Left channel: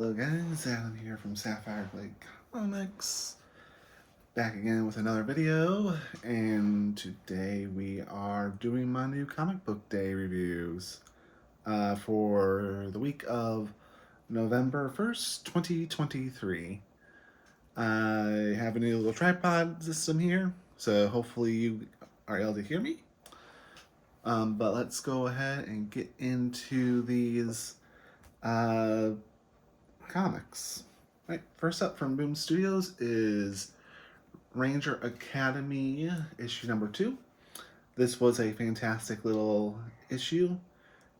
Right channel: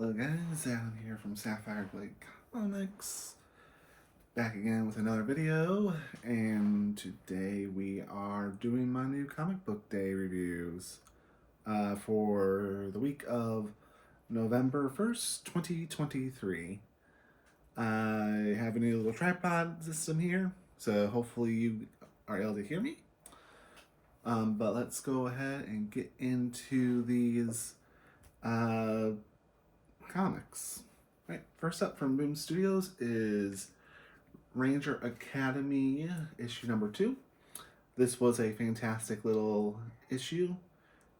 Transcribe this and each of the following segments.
Hello guys, Adam here from sapphiregladecomics, back again with another video, and today we are doing my new comic book day reviews for the week of November 1st, 2023. I have a new little tripod system here, so hopefully you are able to hear me. But let's go ahead and get into these comics. Right, first up from Boom Studios is Ranger Academy issue number 2. This was a fantastic little issue.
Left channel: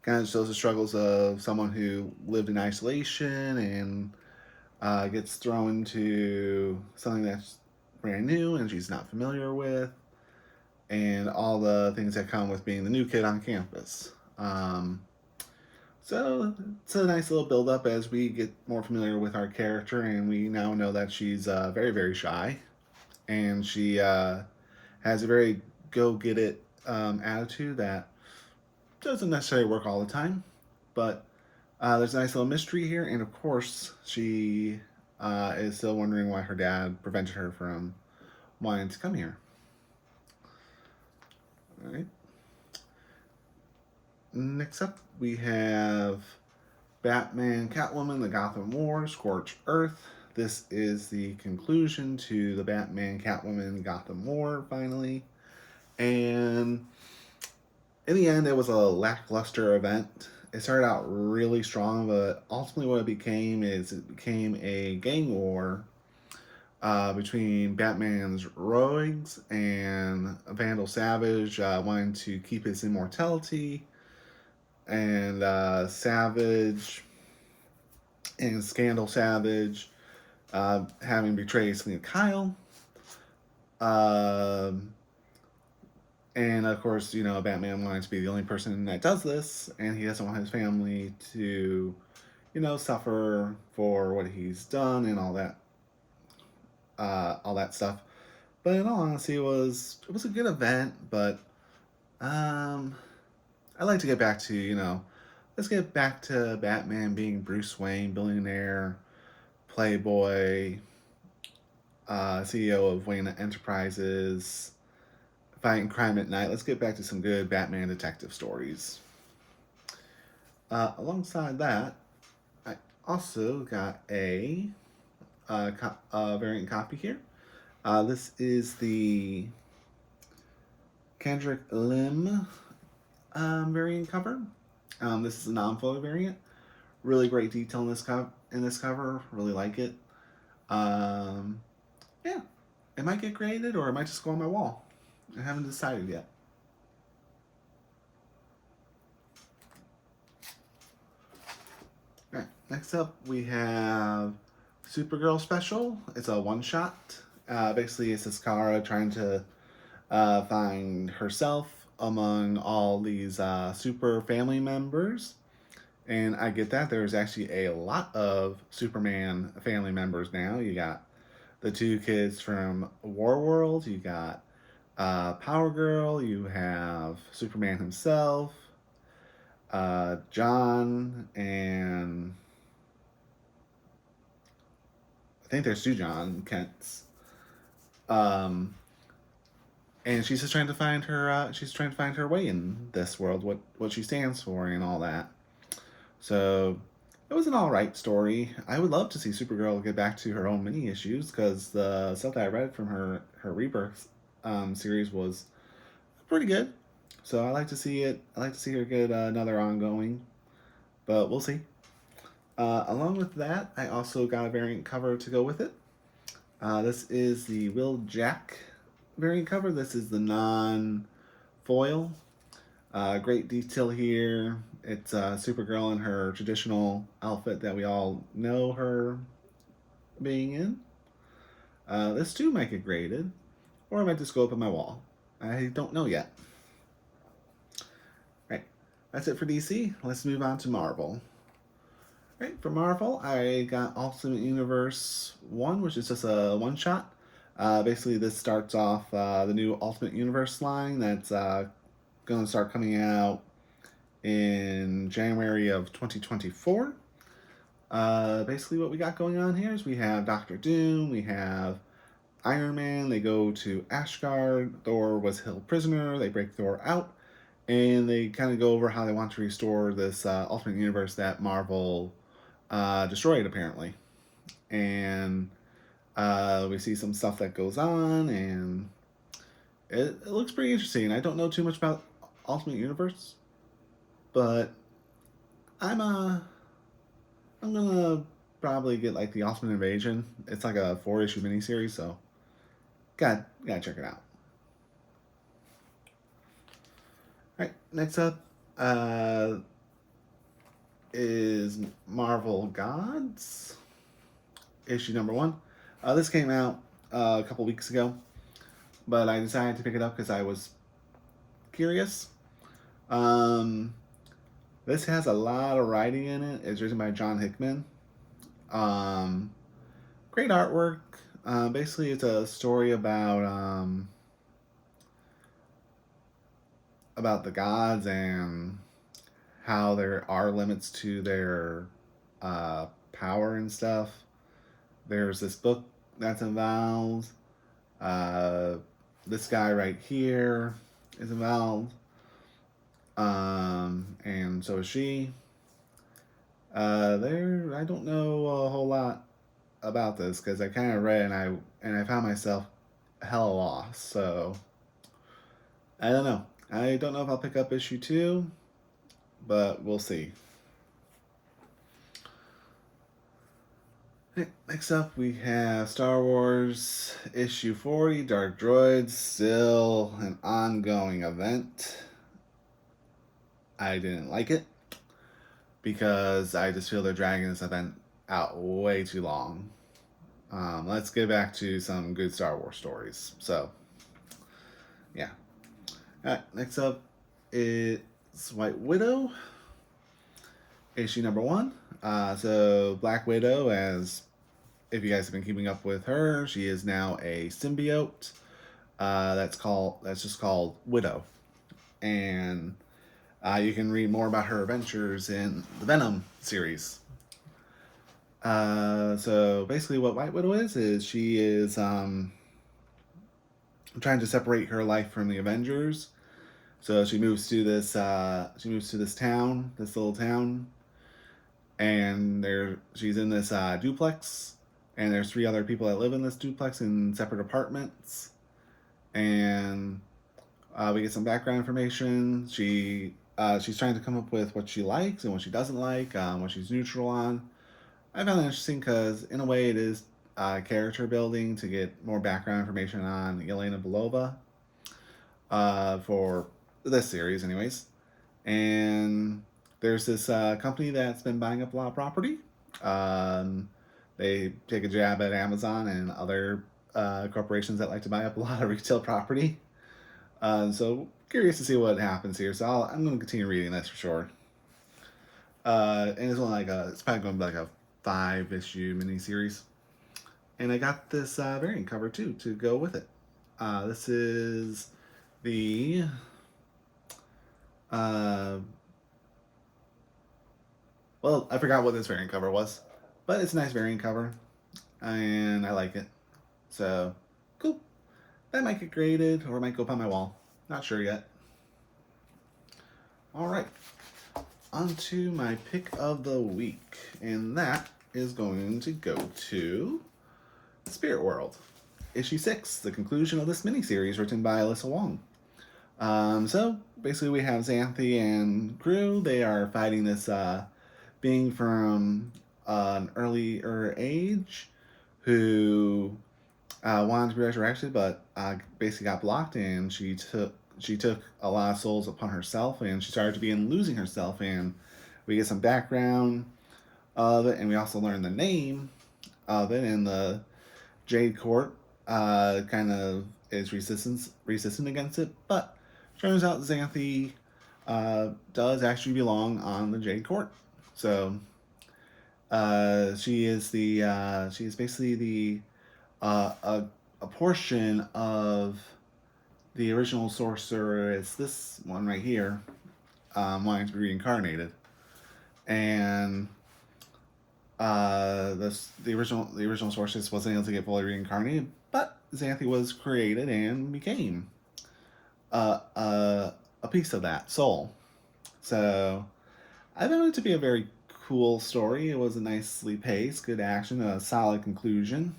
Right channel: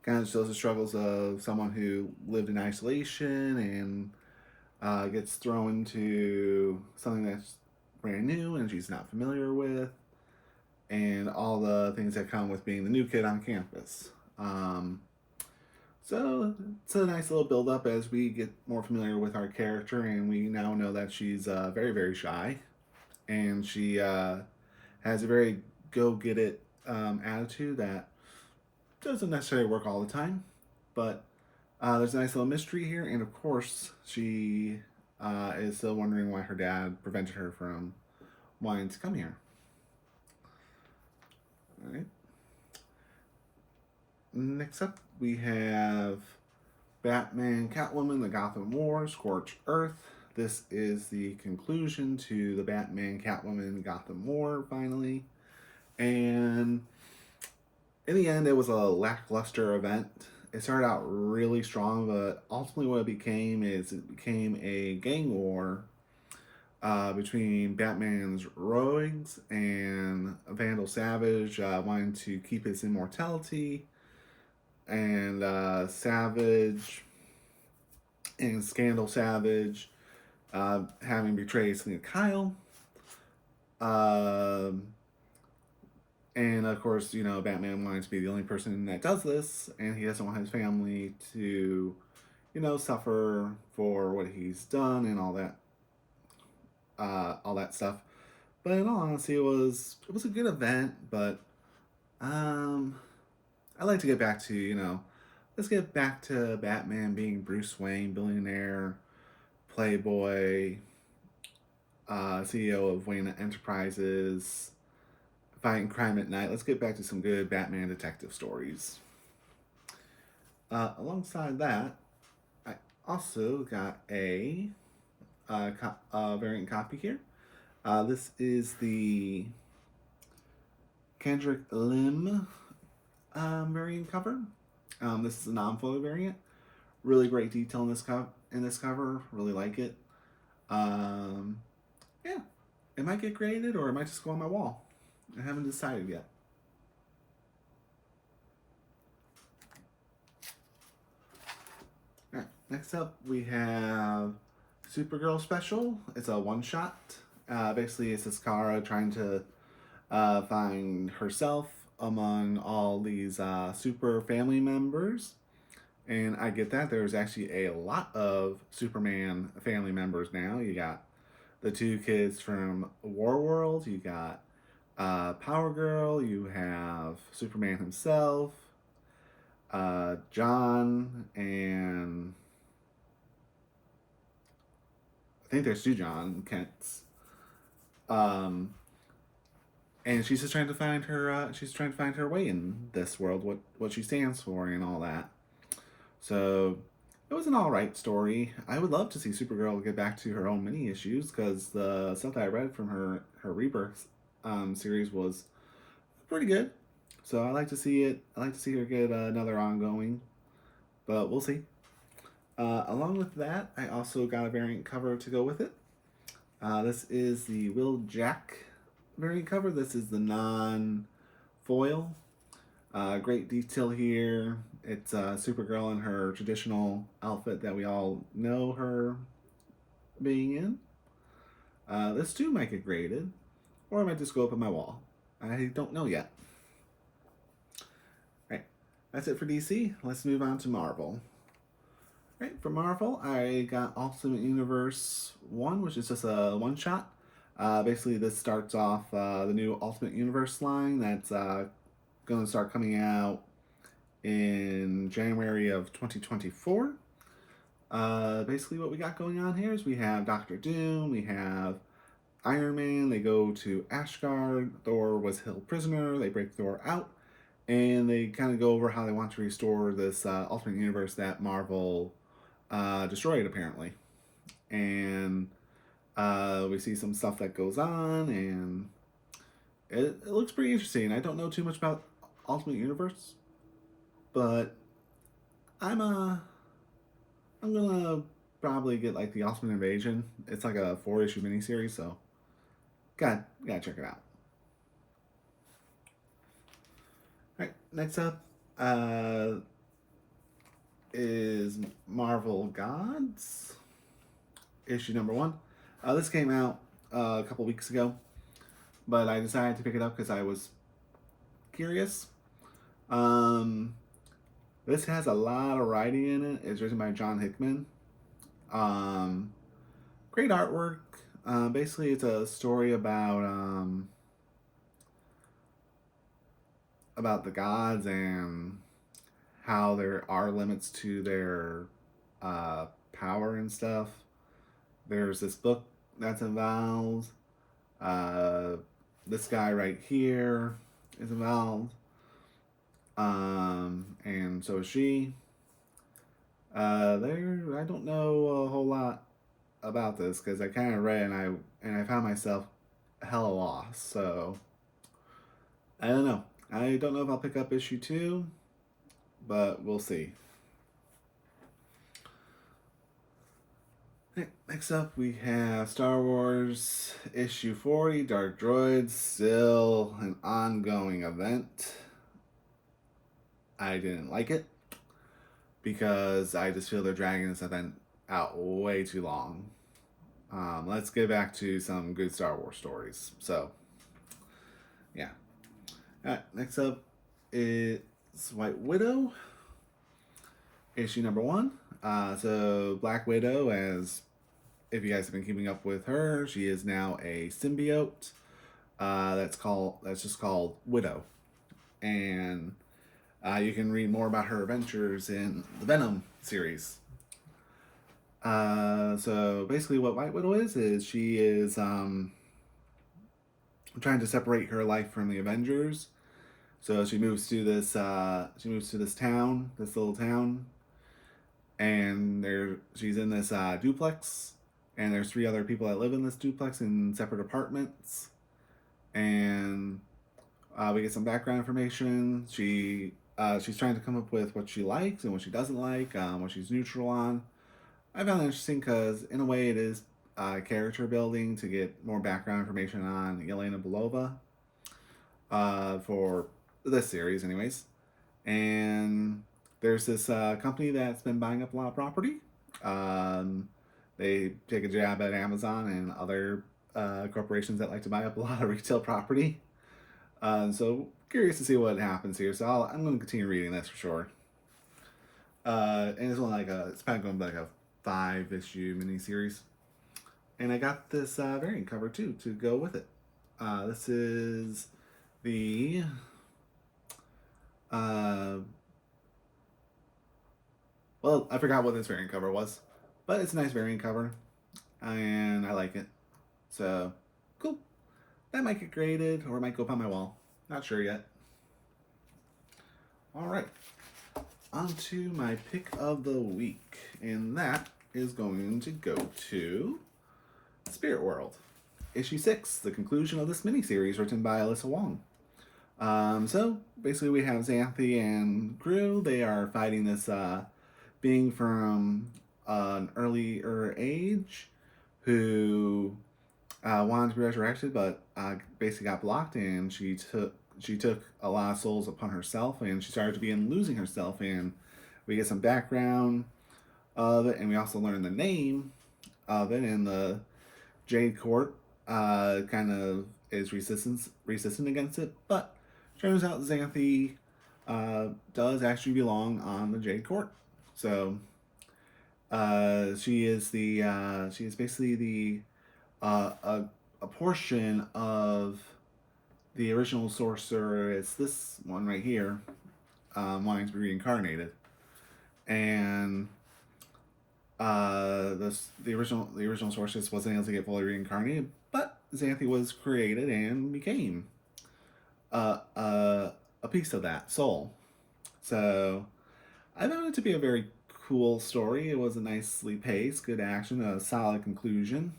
Kind of shows the struggles of someone who lived in isolation and gets thrown into something that's brand new and she's not familiar with, and all the things that come with being the new kid on campus. So it's a nice little build up as we get more familiar with our character, and we now know that she's very, very shy, and she has a very go get it attitude that doesn't necessarily work all the time, but there's a nice little mystery here, and of course, she is still wondering why her dad prevented her from wanting to come here. All right. Next up, we have Batman, Catwoman, the Gotham War, Scorched Earth. This is the conclusion to the Batman, Catwoman, Gotham War, finally. And in the end, it was a lackluster event. It started out really strong, but ultimately what it became is it became a gang war between Batman's rogues and Vandal Savage wanting to keep his immortality, and Savage and Scandal Savage having betrayed Selina Kyle. And of course, you know, Batman wanting to be the only person that does this, and he doesn't want his family to, you know, suffer for what he's done and all that stuff. But in all honesty, it was a good event, but I'd like to get back to, you know, let's get back to Batman being Bruce Wayne, billionaire, playboy, CEO of Wayne Enterprises, fighting crime at night. Let's get back to some good Batman detective stories. Alongside that, I also got a variant copy here. This is the Kendrick Lim variant cover. This is a non-photo variant. Really great detail in this cover. Really like it. Yeah, it might get graded or it might just go on my wall. I haven't decided yet. Alright, next up we have Supergirl special. It's a one-shot. Basically, it's this Kara trying to find herself among all these super family members. And I get that. There's actually a lot of Superman family members now. You got the two kids from Warworld. You got Power Girl. You have Superman himself. John, and I think there's two John Kents. And she's just trying to find her. She's trying to find her way in this world, what she stands for, and all that. So it was an all right story. I would love to see Supergirl get back to her own mini issues, because the stuff that I read from her Rebirth series was pretty good. So I like to see it. I like to see her get another ongoing, but we'll see. Along with that, I also got a variant cover to go with it. This is the Will Jack variant cover. This is the non-foil. Great detail here. It's Supergirl in her traditional outfit that we all know her being in. This too might get graded, or it might just go up on my wall. I don't know yet. Right, that's it for DC. Let's move on to Marvel. Right, for Marvel, I got Ultimate Universe 1, which is just a one-shot. Basically, this starts off the new Ultimate Universe line that's going to start coming out in January of 2024. Basically, what we got going on here is we have Doctor Doom, we have Iron Man. They go to Asgard. Thor was held prisoner. They break Thor out, and they kind of go over how they want to restore this Ultimate Universe that Marvel destroyed, apparently. And we see some stuff that goes on, and it looks pretty interesting. I don't know too much about Ultimate Universe, but I'm I'm gonna probably get like the Ultimate Invasion. It's like a 4-issue miniseries, so gotta check it out. All right, next up is Marvel Gods, issue number 1. This came out a couple weeks ago, but I decided to pick it up because I was curious. Um, this has a lot of writing in it. It's written by John Hickman. Great artwork. Basically, it's a story about the gods and how there are limits to their power and stuff. There's this book that's involved. This guy right here is involved. And so is she. I don't know a whole lot about this because I kind of read and I found myself hella lost. So I don't know. I don't know if I'll pick up issue 2, but we'll see. Next up, we have Star Wars issue 40, Dark Droids, still an ongoing event. I didn't like it because I just feel they're dragging this event out way too long. Let's get back to some good Star Wars stories. So, yeah. Next up is White Widow, issue number 1. So Black Widow, as if you guys have been keeping up with her, she is now a symbiote. That's just called Widow, and you can read more about her adventures in the Venom series. So basically, what White Widow is she is trying to separate her life from the Avengers. So she moves to this town, this little town, and she's in this duplex, and there's 3 other people that live in this duplex in separate apartments, and we get some background information. She's trying to come up with what she likes and what she doesn't like, what she's neutral on. I found it interesting because in a way it is character building to get more background information on Yelena Belova for this series, anyways. And there's this company that's been buying up a lot of property. They take a jab at Amazon and other corporations that like to buy up a lot of retail property. So curious to see what happens here. So I'm going to continue reading this for sure. And it's only it's probably going to be like a 5-issue miniseries. And I got this variant cover too to go with it. This is the well, I forgot what this variant cover was, but it's a nice variant cover, and I like it. So, cool. That might get graded, or it might go up on my wall. Not sure yet. All right, on to my pick of the week, and that is going to go to Spirit World, issue 6, the conclusion of this miniseries written by Alyssa Wong. So basically, we have Xanthi and crew. They are fighting this being from an earlier age who wanted to be resurrected, but basically got blocked, and she took a lot of souls upon herself, and she started to begin losing herself. And we get some background of it, and we also learn the name of it. And the Jade Court kind of is resistant against it, but turns out Xanthi does actually belong on the Jade Court. So she is basically the a portion of the original sorcerer. It's this one right here, wanting to be reincarnated, and The original sources wasn't able to get fully reincarnated, but Xanthi was created and became uh, uh, a piece of that soul. So I found it to be a very cool story. It was a nicely paced, good action, a solid conclusion,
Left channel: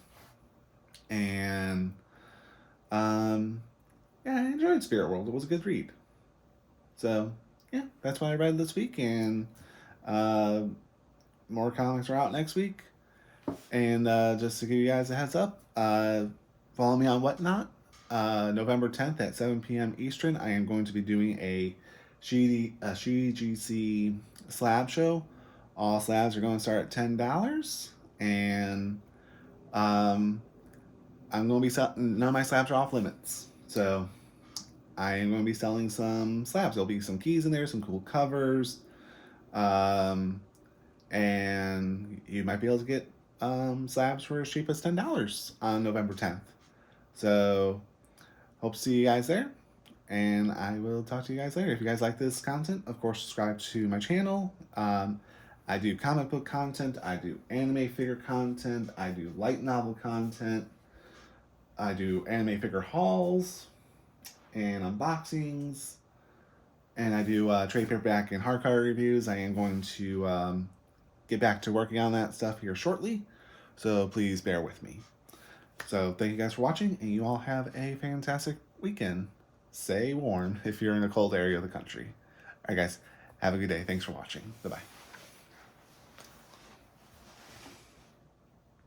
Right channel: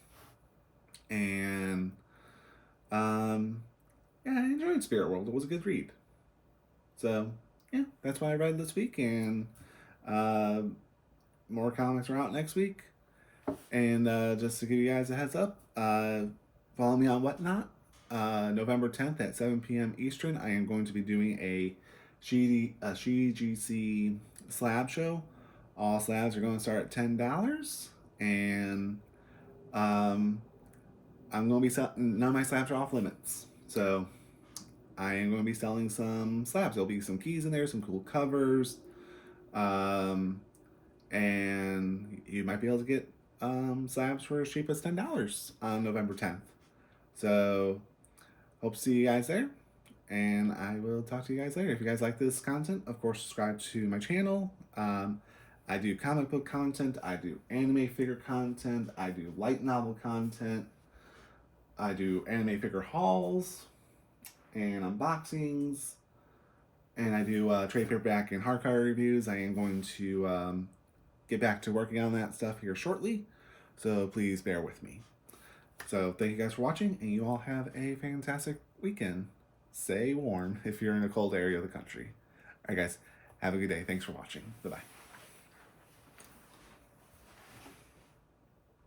and yeah, I enjoyed Spirit World. It was a good read. So yeah, that's what I read this week, and uh, more comics are out next week. And just to give you guys a heads up, follow me on Whatnot. November 10th at 7 p.m. Eastern, I am going to be doing a GC slab show. All slabs are going to start at $10, and um, I'm going to be selling. None of my slabs are off limits, so I am going to be selling some slabs. There'll be some keys in there, some cool covers, um, and you might be able to get slabs for as cheap as $10 on November 10th. So hope to see you guys there, and I will talk to you guys later. If you guys like this content, of course, subscribe to my channel. I do comic book content, I do anime figure content, I do light novel content, I do anime figure hauls and unboxings, and I do trade paperback and hardcover reviews. I am going to get back to working on that stuff here shortly, so please bear with me. So thank you guys for watching, and you all have a fantastic weekend. Stay warm if you're in a cold area of the country. All right, guys, have a good day. Thanks for watching. Bye-bye.